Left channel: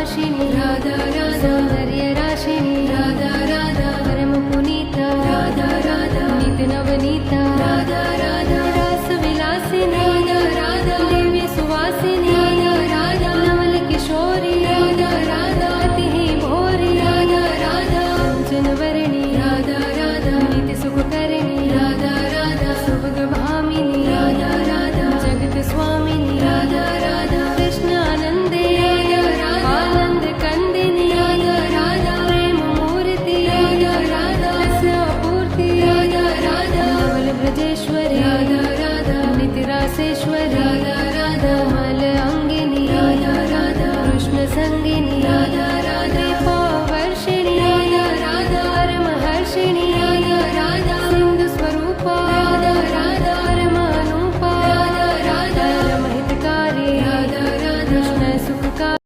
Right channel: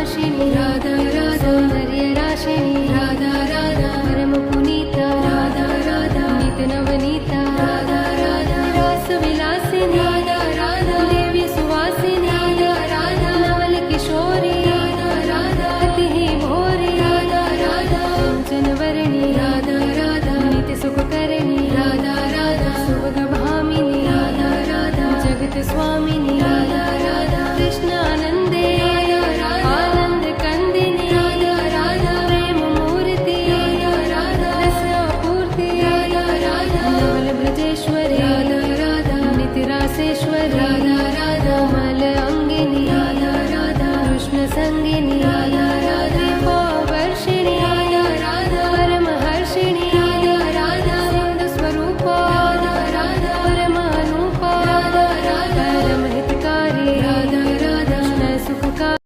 भाषिणी सौंदर्य राशिणी परम पुनीता नित नवनीता रास विलासिनी दिव्य सुवासिनी नवल किशोरी अति ही भोरी कंचन वर्णी नित्य सुख करणी सुभग भामिनी जगत स्वामिनी कृष्णानंदे आनंद कंदिनी प्रेम मूर्ति रस अपूर्ति नवल ब्रजेश्वरी नित्य रासेश्वरी कोमल अंगिनी कृष्ण संगिनी दीपवर्षिणी परमहर्षिणी सिंधु स्वरूपा परमानुपा परमहितकारी कृष्ण सुखकारी।